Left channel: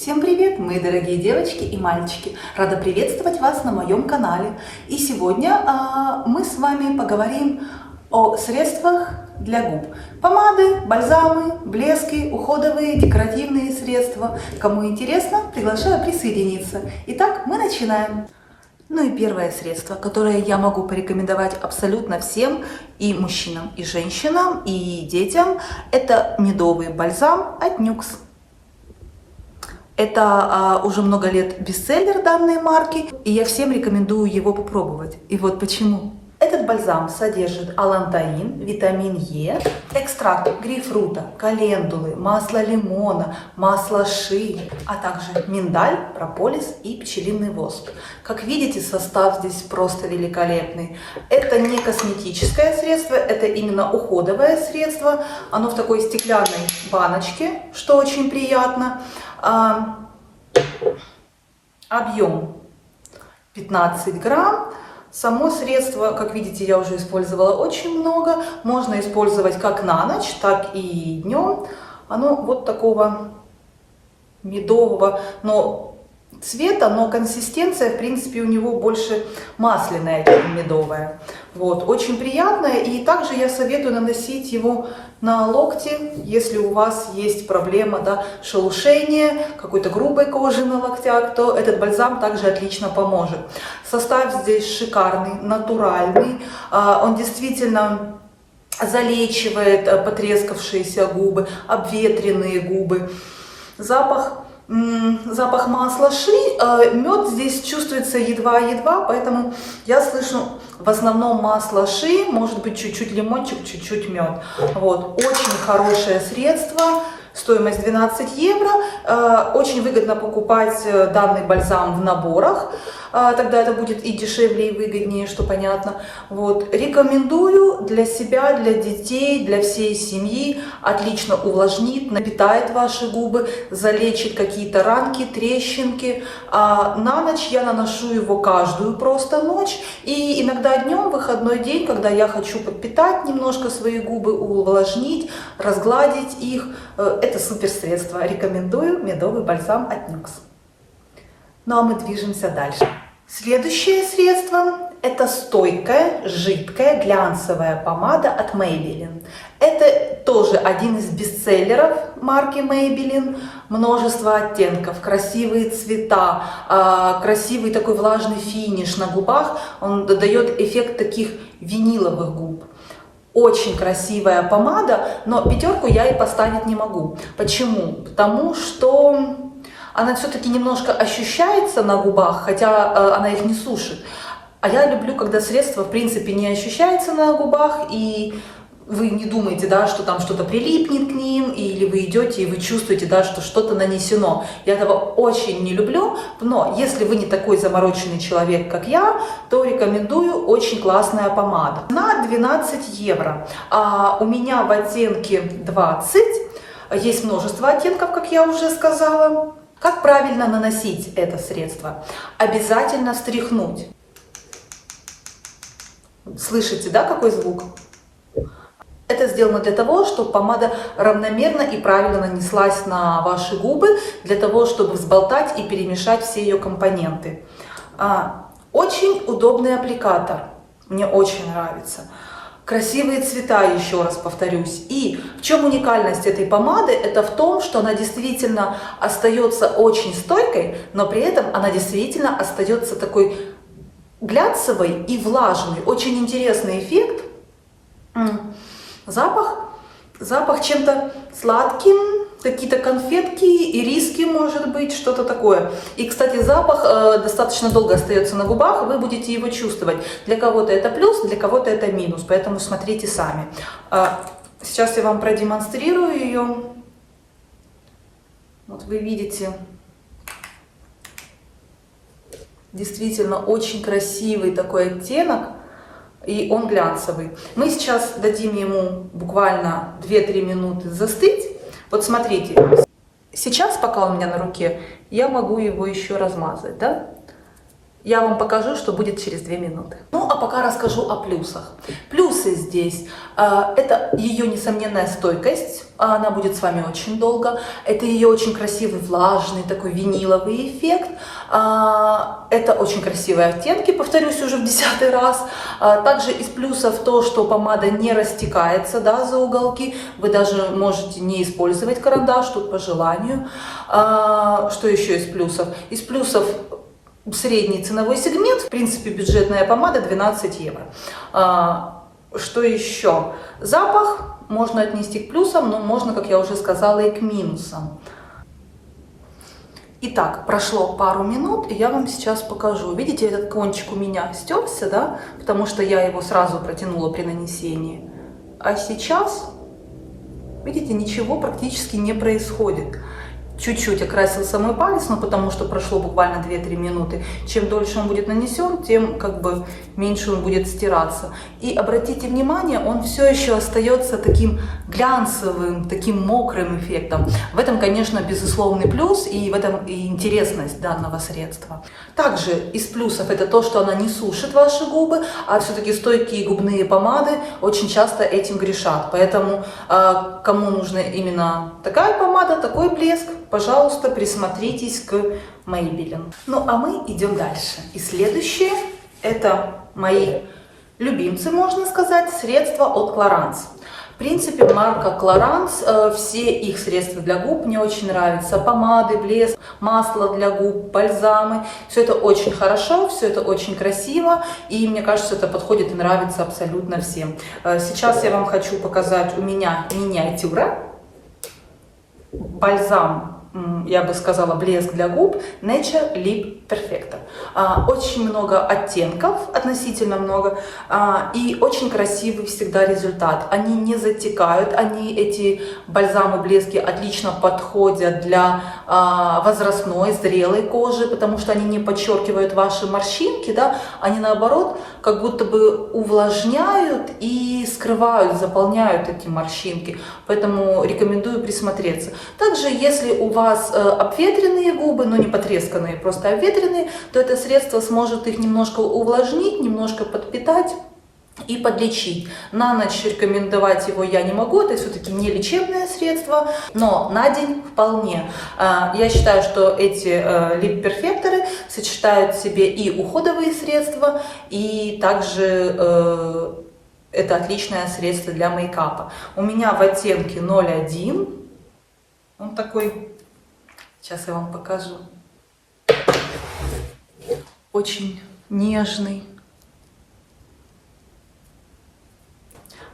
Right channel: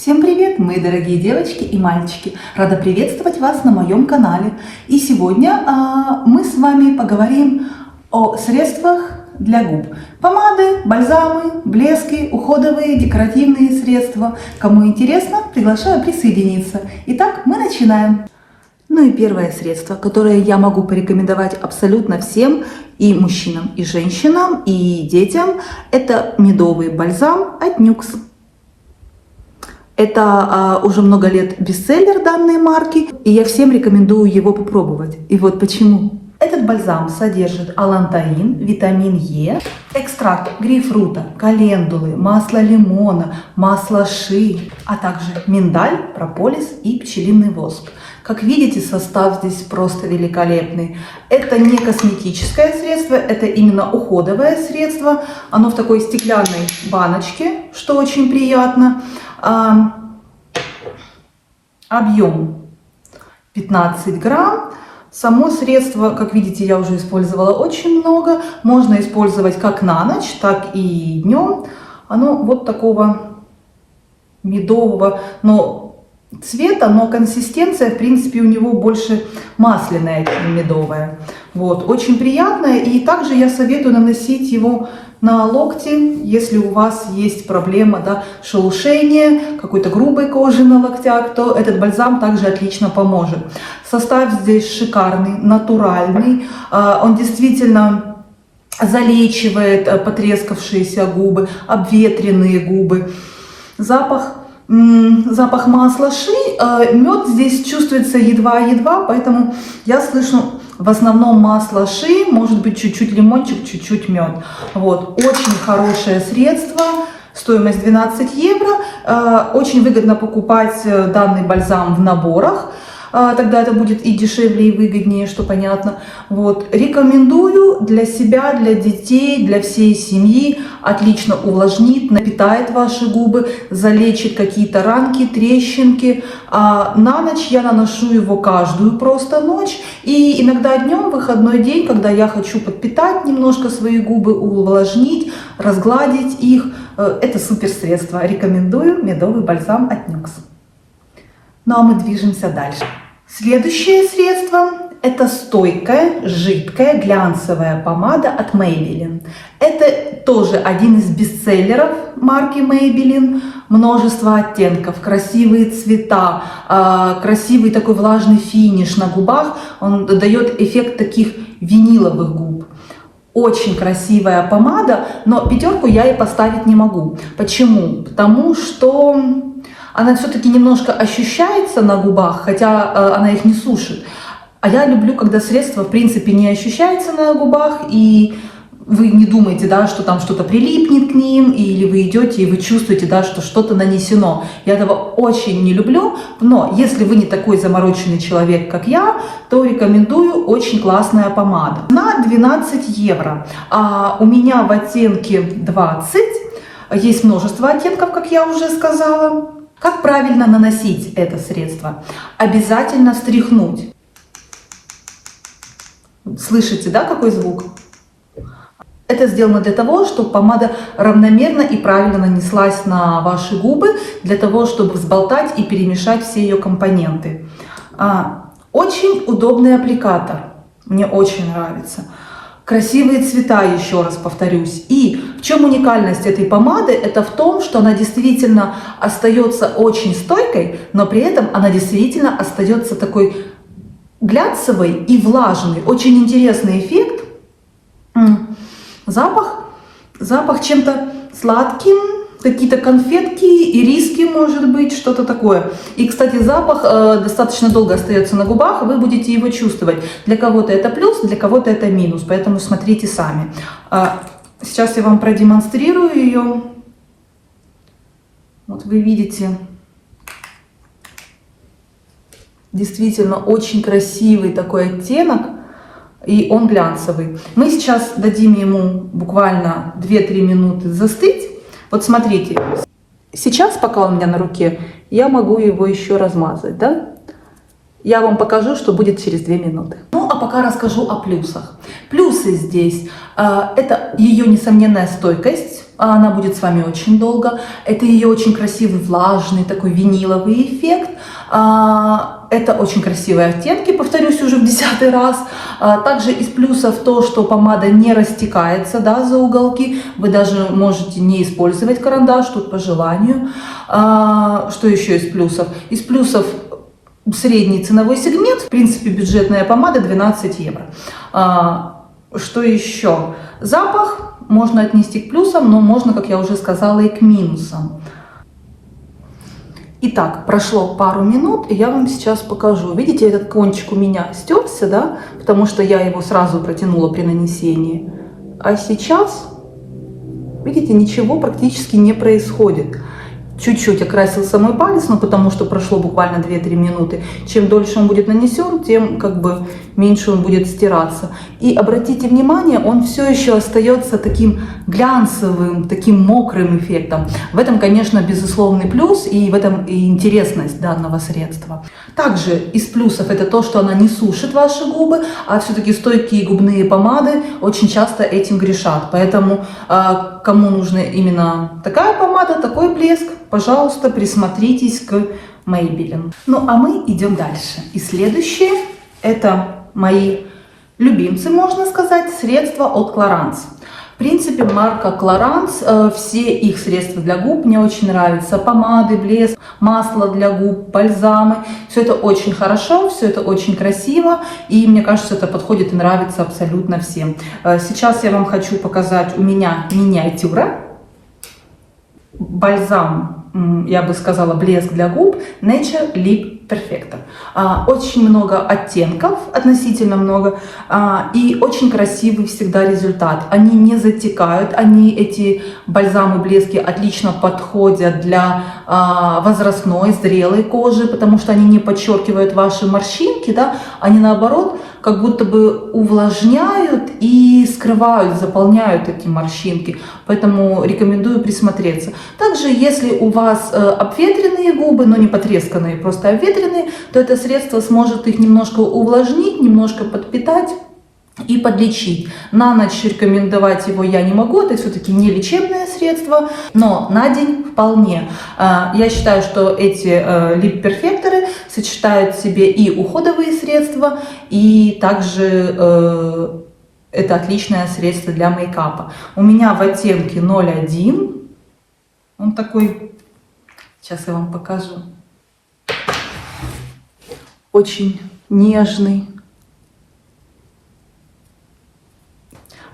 Всем привет, мои дорогие девочки и мальчики! Рада приветствовать вас на моем канале. И сегодня мы с вами поговорим о средствах для губ. Помады, бальзамы, блески, уходовые, декоративные средства. Кому интересно, приглашаю присоединиться. Итак, мы начинаем. Ну и первое средство, которое я могу порекомендовать абсолютно всем, и мужчинам, и женщинам, и детям, это медовый бальзам от Nuxe. Это уже много лет бестселлер данной марки, и я всем рекомендую его попробовать. И вот почему. Этот бальзам содержит алантаин, витамин Е, экстракт грейпфрута, календулы, масло лимона, масло ши, а также миндаль, прополис и пчелиный воск. Как видите, состав здесь просто великолепный. Это не косметическое средство, это именно уходовое средство. Оно в такой стеклянной баночке, что очень приятно. Объем 15 грамм. Само средство, как видите, я уже использовала очень много. Можно использовать как на ночь, так и днем. Оно вот такого медового, но цвета, но консистенция, в принципе, у него больше масляная, чем медовая. Вот, очень приятная. И также я советую наносить его на локти, если у вас есть проблема, да, шелушения, какой-то грубой кожи на локтях, то этот бальзам также отлично поможет. Состав здесь шикарный, натуральный. Он действительно залечивает потрескавшиеся губы, обветренные губы. Запах масла ши, мед здесь чувствуется едва-едва, поэтому я слышу в основном масло ши, может быть чуть-чуть лимончик, чуть-чуть мед. Вот, очень хорошее средство, стоимость 12 евро. Очень выгодно покупать данный бальзам в наборах. Тогда это будет и дешевле, и выгоднее, что понятно. Вот. Рекомендую для себя, для детей, для всей семьи. Отлично увлажнит, напитает ваши губы, залечит какие-то ранки, трещинки. На ночь я наношу его каждую просто ночь. И иногда днем, в выходной день, когда я хочу подпитать немножко свои губы, увлажнить, разгладить их. Это супер средство. Рекомендую медовый бальзам от Nuxe. Ну а мы движемся дальше. Следующее средство – это стойкая, жидкая, глянцевая помада от Maybelline. Это тоже один из бестселлеров марки Maybelline. Множество оттенков, красивые цвета, красивый такой влажный финиш на губах. Он дает эффект таких виниловых губ. Очень красивая помада, но пятерку я ей поставить не могу. Почему? Потому что она все-таки немножко ощущается на губах, хотя она их не сушит. А я люблю, когда средство, в принципе, не ощущается на губах, и вы не думаете, да, что там что-то прилипнет к ним, или вы идете и вы чувствуете, да, что что-то нанесено. Я этого очень не люблю, но если вы не такой замороченный человек, как я, то рекомендую, очень классная помада. На 12 евро. У меня в оттенке 20, есть множество оттенков, как я уже сказала. Как правильно наносить это средство? Обязательно стряхнуть. Слышите, да, какой звук? Это сделано для того, чтобы помада равномерно и правильно нанеслась на ваши губы, для того, чтобы взболтать и перемешать все ее компоненты. Очень удобный аппликатор. Мне очень нравится. Красивые цвета, еще раз повторюсь. И в чем уникальность этой помады? Это в том, что она действительно остается очень стойкой, но при этом она действительно остается такой глянцевой и влажной. Очень интересный эффект. Запах чем-то сладким, какие-то конфетки, ириски, может быть, что-то такое. И, кстати, запах достаточно долго остается на губах, вы будете его чувствовать. Для кого-то это плюс, для кого-то это минус, поэтому смотрите сами. Сейчас я вам продемонстрирую ее. Вот вы видите, действительно очень красивый такой оттенок, и он глянцевый. Мы сейчас дадим ему буквально 2-3 минуты застыть. Вот смотрите, сейчас, пока он у меня на руке, я могу его еще размазать, да? Я вам покажу, что будет через 2 минуты. Ну, а пока расскажу о плюсах. Плюсы здесь – это ее несомненная стойкость. Она будет с вами очень долго. Это ее очень красивый влажный такой виниловый эффект. Это очень красивые оттенки, повторюсь уже в 10-й раз. Также из плюсов то, что помада не растекается, да, за уголки. Вы даже можете не использовать карандаш, тут по желанию. Что еще из плюсов? Из плюсов средний ценовой сегмент. В принципе, бюджетная помада 12 евро. Что еще? Запах можно отнести к плюсам, но можно, как я уже сказала, и к минусам. Итак, прошло пару минут, и я вам сейчас покажу. Видите, этот кончик у меня стерся, да, потому что я его сразу протянула при нанесении. А сейчас, видите, ничего практически не происходит. Чуть-чуть окрасился мой палец, но потому что прошло буквально 2-3 минуты. Чем дольше он будет нанесен, тем как бы меньше он будет стираться. И обратите внимание, он все еще остается таким глянцевым, таким мокрым эффектом. В этом, конечно, безусловный плюс, и в этом и интересность данного средства. Также из плюсов это то, что она не сушит ваши губы, а все-таки стойкие губные помады очень часто этим грешат. Поэтому кому нужна именно такая помада, такой блеск, пожалуйста, присмотритесь к Maybelline. Ну, а мы идем дальше. И следующее, это мои любимцы, можно сказать, средства от Clarins. В принципе, марка Clarins, все их средства для губ мне очень нравятся. Помады, блеск, масло для губ, бальзамы. Все это очень хорошо, все это очень красиво. И мне кажется, это подходит и нравится абсолютно всем. Сейчас я вам хочу показать у меня миниатюра. Бальзам, я бы сказала, блеск для губ Nature Lip Perfector. Очень много оттенков, относительно много, и очень красивый всегда результат. Они не затекают, эти бальзамы, блески отлично подходят для возрастной, зрелой кожи, потому что они не подчеркивают ваши морщинки, да, они наоборот как будто бы увлажняют и скрывают, заполняют эти морщинки. Поэтому рекомендую присмотреться. Также, если у вас обветренные губы, но не потресканные, просто обветренные, то это средство сможет их немножко увлажнить, немножко подпитать и подлечить. На ночь рекомендовать его я не могу, это все-таки не лечебное средство, но на день вполне. Я считаю, что эти лип-перфекторы сочетают в себе и уходовые средства, и также это отличное средство для мейкапа. У меня в оттенке 01, он такой, сейчас я вам покажу, очень нежный,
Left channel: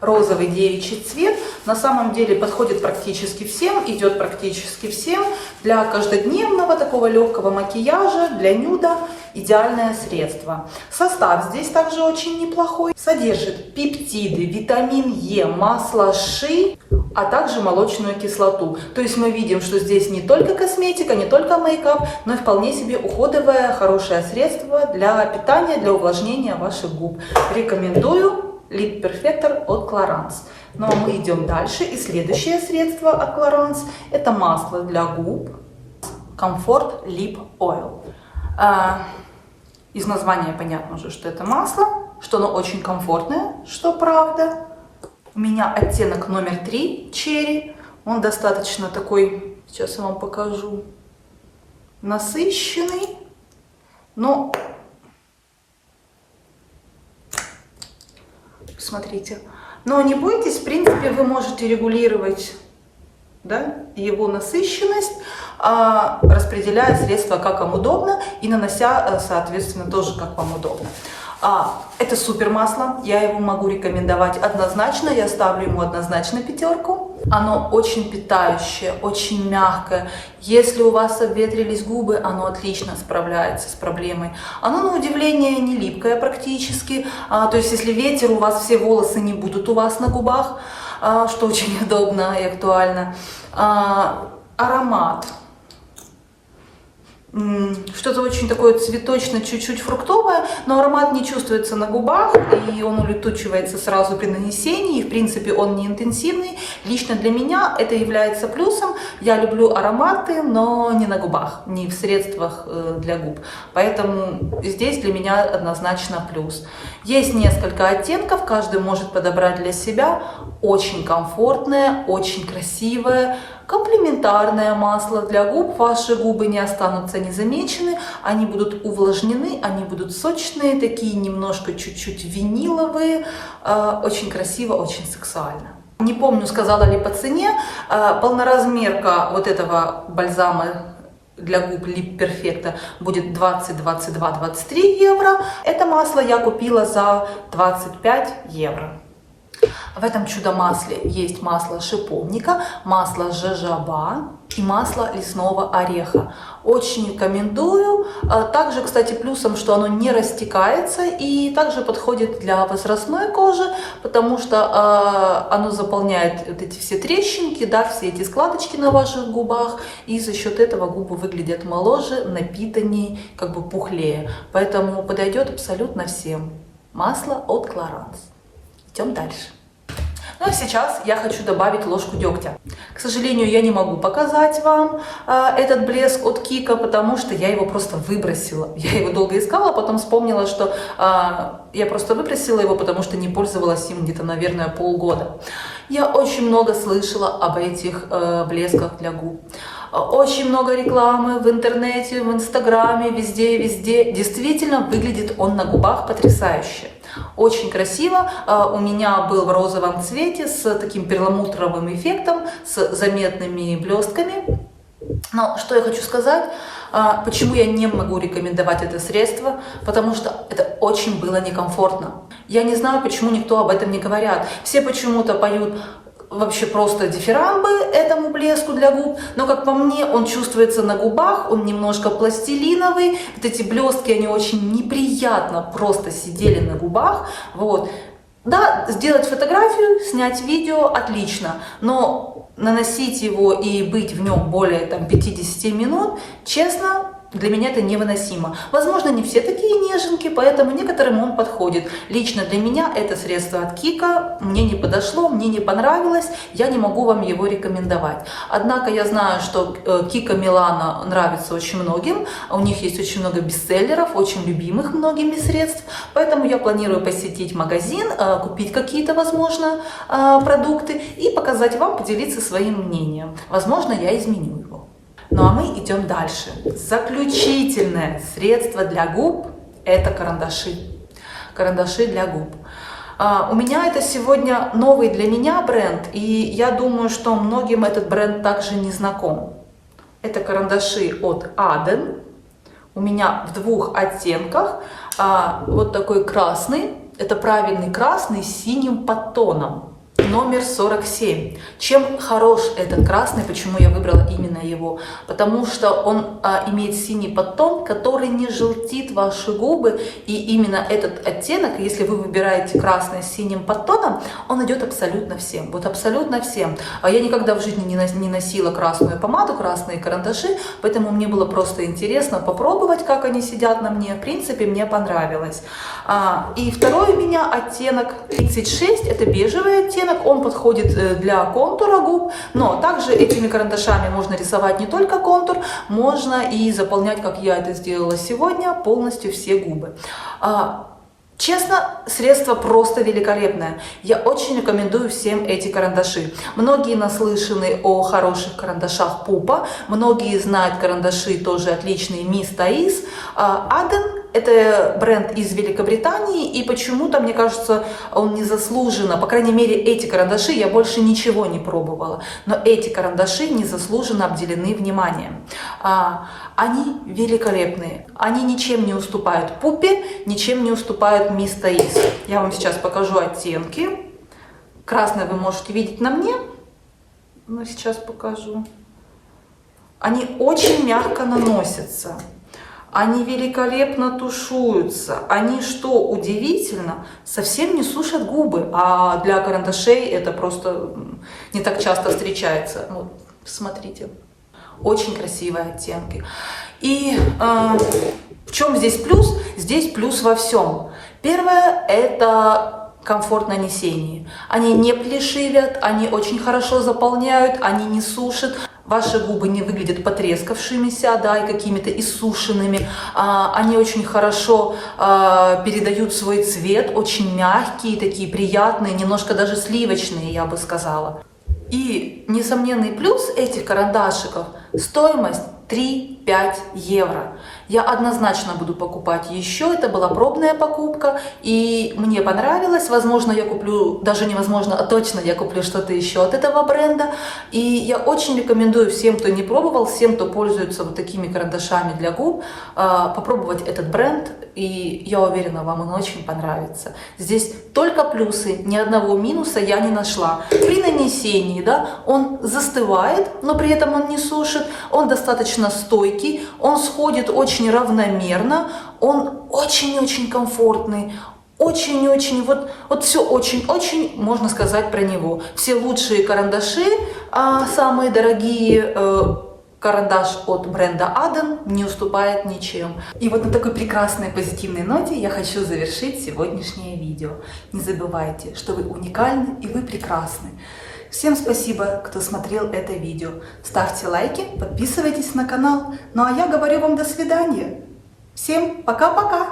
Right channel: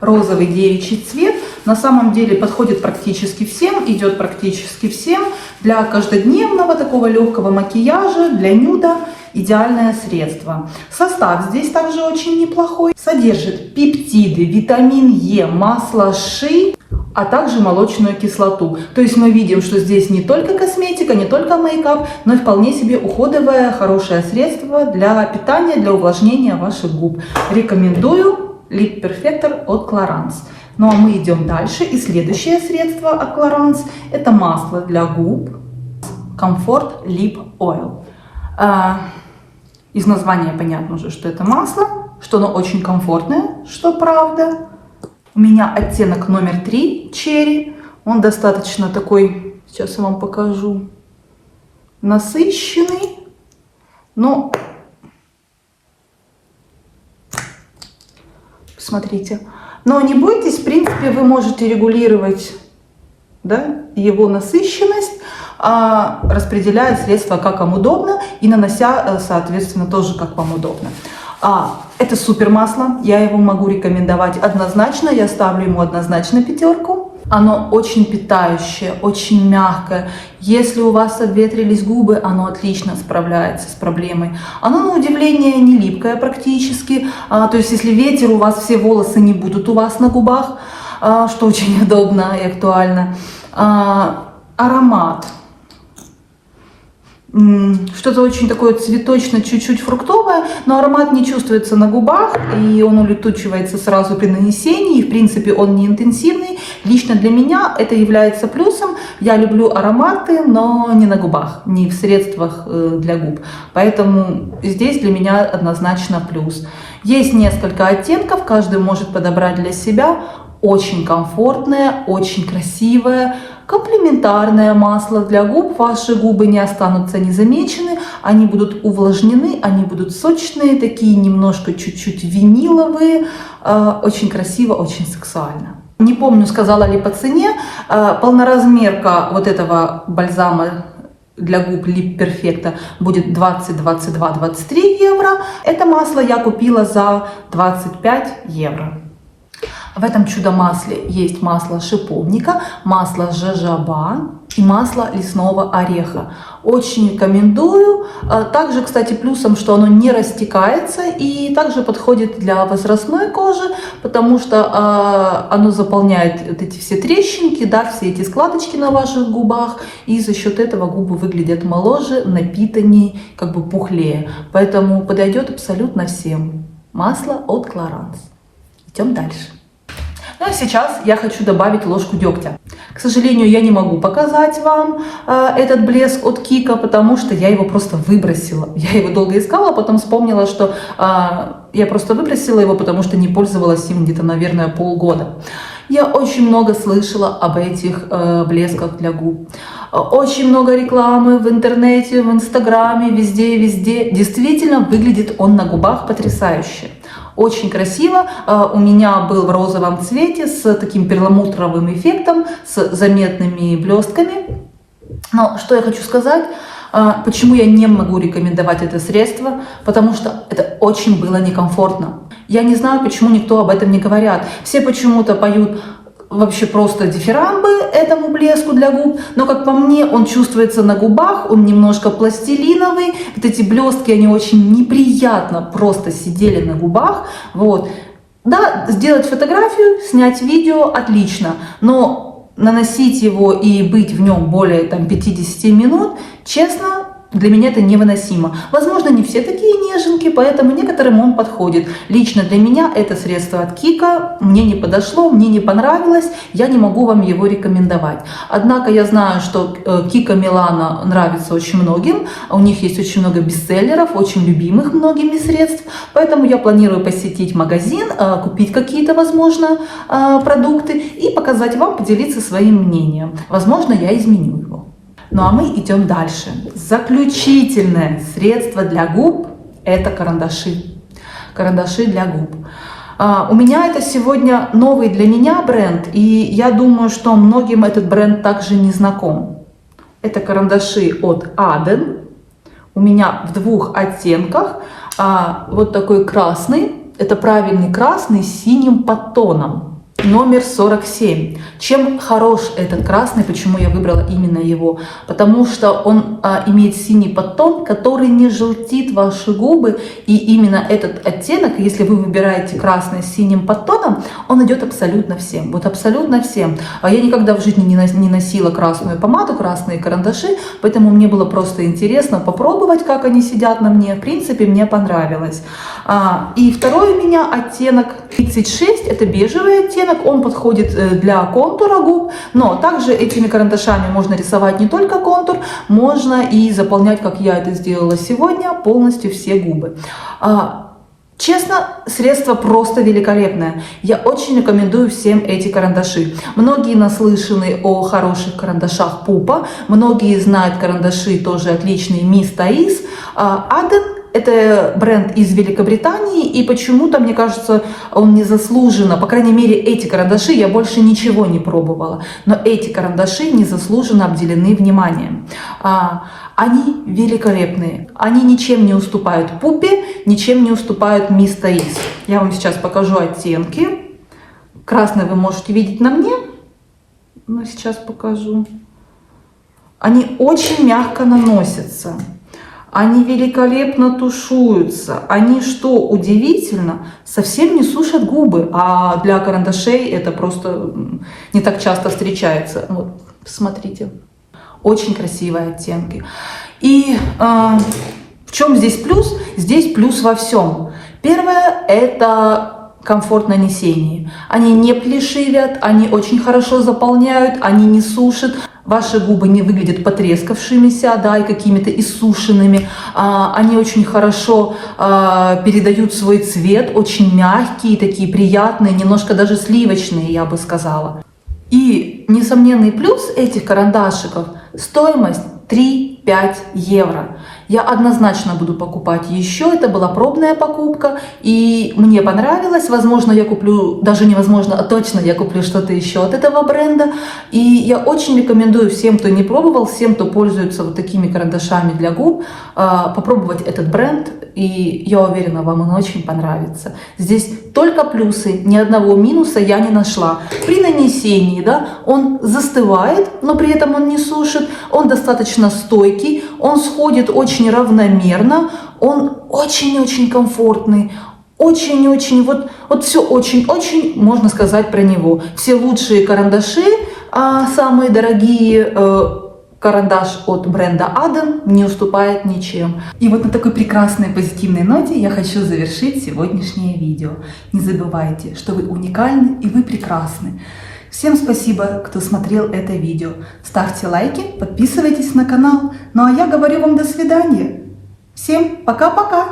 розовый девичий цвет. На самом деле подходит практически всем, идет практически всем. Для каждодневного такого легкого макияжа, для нюда идеальное средство. Состав здесь также очень неплохой. Содержит пептиды, витамин Е, масло ши, а также молочную кислоту. То есть мы видим, что здесь не только косметика, не только мейкап, но и вполне себе уходовое хорошее средство для питания, для увлажнения ваших губ. Рекомендую. Lip Perfector от Clarins. Ну а мы идем дальше. И следующее средство от Clarins — это масло для губ Comfort Lip Oil. Из названия понятно уже, что это масло, что оно очень комфортное, что правда. У меня оттенок номер 3 Cherry. Он достаточно такой, сейчас я вам покажу, насыщенный, но смотрите. Но не бойтесь, в принципе, вы можете регулировать, да, его насыщенность, распределяя средства как вам удобно и нанося, соответственно, тоже как вам удобно. Это супер масло, я его могу рекомендовать однозначно, я ставлю ему однозначно 5. Оно очень питающее, очень мягкое. Если у вас обветрились губы, оно отлично справляется с проблемой. Оно, на удивление, не липкое практически. То есть, если ветер, у вас все волосы не будут у вас на губах, что очень удобно и актуально. Аромат. что-то очень такое цветочно, чуть-чуть фруктовое, но аромат не чувствуется на губах, и он улетучивается сразу при нанесении, и в принципе он не интенсивный. Лично для меня это является плюсом. Я люблю ароматы, но не на губах, не в средствах для губ. Поэтому здесь для меня однозначно плюс. Есть несколько оттенков, каждый может подобрать для себя. Очень комфортное, очень красивое, комплементарное масло для губ. Ваши губы не останутся незамечены, они будут увлажнены, они будут сочные, такие немножко чуть-чуть виниловые. Очень красиво, очень сексуально. Не помню, сказала ли по цене. Полноразмерка вот этого бальзама для губ Lip Perfecto будет 20, 22, 23 евро. Это масло я купила за 25 евро. В этом чудо-масле есть масло шиповника, масло жожоба и масло лесного ореха. Очень рекомендую. Также, кстати, плюсом, что оно не растекается и также подходит для возрастной кожи, потому что оно заполняет вот эти все трещинки, да, все эти складочки на ваших губах, и за счет этого губы выглядят моложе, напитаннее, как бы пухлее. Поэтому подойдет абсолютно всем. Масло от Clarins. Идем дальше. Ну а сейчас я хочу добавить ложку дегтя. К сожалению, я не могу показать вам этот блеск от Kiko, потому что я его просто выбросила. Я его долго искала, а потом вспомнила, что я просто выбросила его, потому что не пользовалась им где-то, наверное, полгода. Я очень много слышала об этих блесках для губ. Очень много рекламы в интернете, в инстаграме, везде и везде. Действительно, выглядит он на губах потрясающе. Очень красиво. У меня был в розовом цвете с таким перламутровым эффектом, с заметными блестками. Но что я хочу сказать, почему я не могу рекомендовать это средство, потому что это очень было некомфортно. Я не знаю, почему никто об этом не говорят. Все почему-то поют вообще просто дифирамбы этому блеску для губ, но, как по мне, он чувствуется на губах, он немножко пластилиновый, вот эти блестки, они очень неприятно просто сидели на губах, вот. Да, сделать фотографию, снять видео, отлично, но наносить его и быть в нем более 50 минут, честно, для меня это невыносимо. Возможно, не все такие неженки, поэтому некоторым он подходит. Лично для меня это средство от Kiko мне не подошло, мне не понравилось, я не могу вам его рекомендовать. Однако я знаю, что Kiko Milano нравится очень многим, у них есть очень много бестселлеров, очень любимых многими средств, поэтому я планирую посетить магазин, купить какие-то, возможно, продукты и показать вам, поделиться своим мнением. Возможно, я изменю его. Ну а мы идем дальше. Заключительное средство для губ – это карандаши. Карандаши для губ. У меня это сегодня новый для меня бренд, и я думаю, что многим этот бренд также не знаком. Это карандаши от Aden. У меня в двух оттенках. Вот такой красный. Это правильный красный с синим подтоном. Номер 47. Чем хорош этот красный, почему я выбрала именно его? Потому что он имеет синий подтон, который не желтит ваши губы. И именно этот оттенок, если вы выбираете красный с синим подтоном, он идет абсолютно всем. Вот абсолютно всем. Я никогда в жизни не носила красную помаду, красные карандаши, поэтому мне было просто интересно попробовать, как они сидят на мне. В принципе, мне понравилось. И второй у меня оттенок 36, это бежевый оттенок. Он подходит для контура губ, но также этими карандашами можно рисовать не только контур, можно и заполнять, как я это сделала сегодня, полностью все губы. Честно, средство просто великолепное. Я очень рекомендую всем эти карандаши. Многие наслышаны о хороших карандашах Pupa, многие знают карандаши тоже отличные Miss Thais. Aden — это бренд из Великобритании, и почему-то, мне кажется, он незаслуженно, по крайней мере, эти карандаши, я больше ничего не пробовала, но эти карандаши незаслуженно обделены вниманием. Они великолепные, они ничем не уступают Pupa, ничем не уступают Miss Thais. Я вам сейчас покажу оттенки. Красный вы можете видеть на мне, но сейчас покажу. Они очень мягко наносятся. Они великолепно тушуются. Они, что удивительно, совсем не сушат губы. А для карандашей это просто не так часто встречается. Вот, посмотрите. Очень красивые оттенки. И в чем здесь плюс? Здесь плюс во всем. Первое – это комфорт нанесения. Они не плешивят, они очень хорошо заполняют, они не сушат. Ваши губы не выглядят потрескавшимися, да, и какими-то иссушенными. Они очень хорошо передают свой цвет, очень мягкие, такие приятные, немножко даже сливочные, я бы сказала. И несомненный плюс этих карандашиков – стоимость 3-5 евро. Я однозначно буду покупать еще. Это была пробная покупка, и мне понравилось. Возможно, я куплю, даже невозможно, а точно я куплю что-то еще от этого бренда. И я очень рекомендую всем, кто не пробовал, всем, кто пользуется вот такими карандашами для губ, попробовать этот бренд. И я уверена, вам он очень понравится. Здесь только плюсы, ни одного минуса я не нашла. При нанесении, да, он застывает, но при этом он не сушит. Он достаточно стойкий, он сходит очень равномерно, он очень-очень комфортный, очень-очень, вот все очень-очень можно сказать про него. Все лучшие карандаши, самые дорогие, карандаш от бренда Aden не уступает ничем. И вот на такой прекрасной позитивной ноте я хочу завершить сегодняшнее видео. Не забывайте, что вы уникальны и вы прекрасны. Всем спасибо, кто смотрел это видео. Ставьте лайки, подписывайтесь на канал. Ну а я говорю вам до свидания. Всем пока-пока!